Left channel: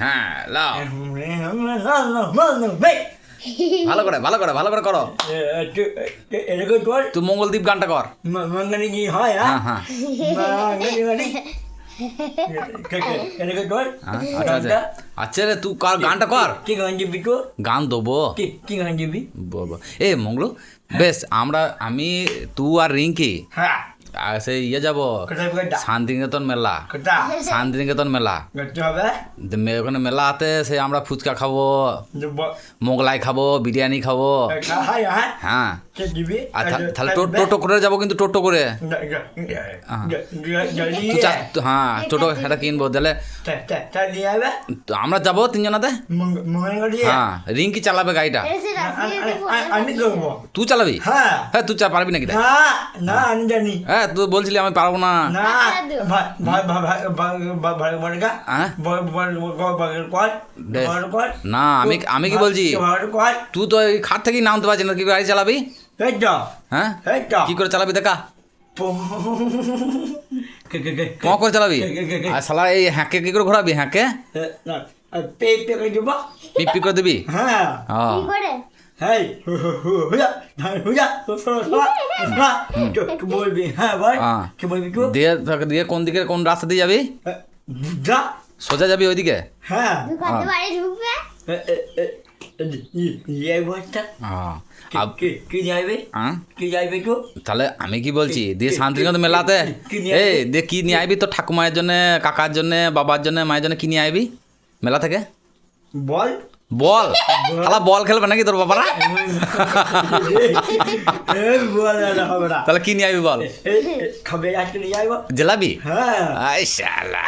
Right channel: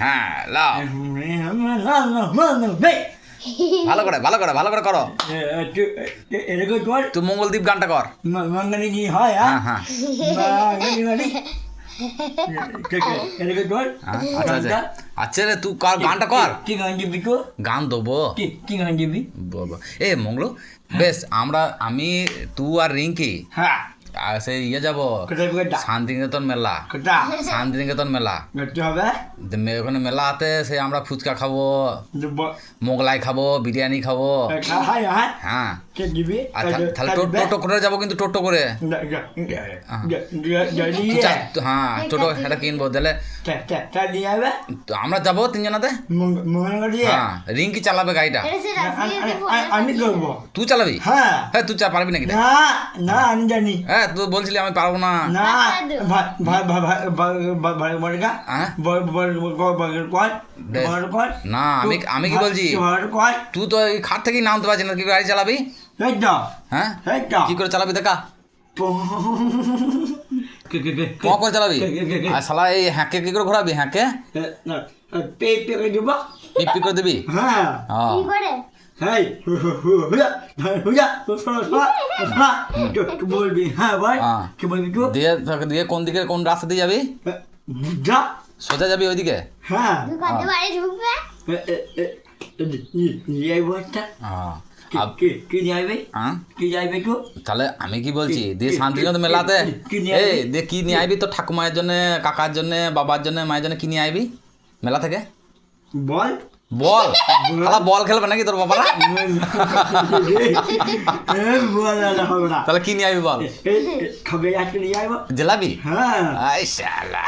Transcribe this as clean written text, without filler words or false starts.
হ্যাঁ লাও ভালো করে ভালো করে ভালো করে করো এরকম কর তুই মঙ্গলদ্বীপ গানটা কর মঙ্গলে কি হয় হ্যাঁ হ্যাঁ এরকম কর আচ্ছা আচ্ছা আচ্ছা রে তুই কার গানটা কর কি গান দিবি তো গান দেবো কি গান দিবি এ মঙ্গলু বেশ আমি তুই আর রিঙ্কি হ্যাঁ সেই ইয়ে যাবো কোথায় কোথায় শান্তিনিকেতন মেলা কোথা শান্তিনিকেতন মেলা করতে হবে ওখানে মেলাতে সেই আমরা ফুচকা খাবো মোগলাই খাবো বিরিয়ানি খাবো হ্যাঁ কে দিবি আচ্ছা তাহলে টোটো করে যাবো কিন্তু টোটো করে হ্যাঁ টোটো এটা কিনবো তাহলে আমরা যাবো তিনজনাতে হ্যাঁ রিঙ্কি চালাবে গাড়িটা আমি করবো তুই চালাবি হ্যাঁ হ্যাঁ তুই পারবি নাকি না না আমি জানি হ্যাঁ তুই বলছিলি আমি পারবো না না না আমি কি বলছি তুই তো এই খাট থেকেই নামতে পারছিস না কি গাড়ি চালাবি হ্যাঁ কি করে চালাবি দেখা করে চালাবি আর শালা এই হ্যাঁকে কি করে ঘোরাবি হ্যাঁকে পিপি করে দিবি হ্যাঁ হ্যাঁ বলবি হ্যাঁ ভাই কি বলবি দিয়ে দিয়ে কোন দিকে কোন রাস্তা দিয়ে যাবি যা সোজা যাবি ওইদিকে হ্যাঁ কি যাইবে কি যাইবে তো তাহলে আমি কি বলছি দিয়ে শান্তিনিকেতন মেলাতে এই দিয়ে কি নিয়ে আইবি তো ঠাকুমায়ের জন্য কাকার জন্য বাবার জন্য মায়ের জন্য কি নিয়ে আইবি মেলা থেকে বল বল তাহলে বল খেলবে নাকি তোর বাবারা তাহলে কি নিয়ে আইবি বল খাবে নিয়ে যাইব জিলাপি হ্যাঁ আই শালা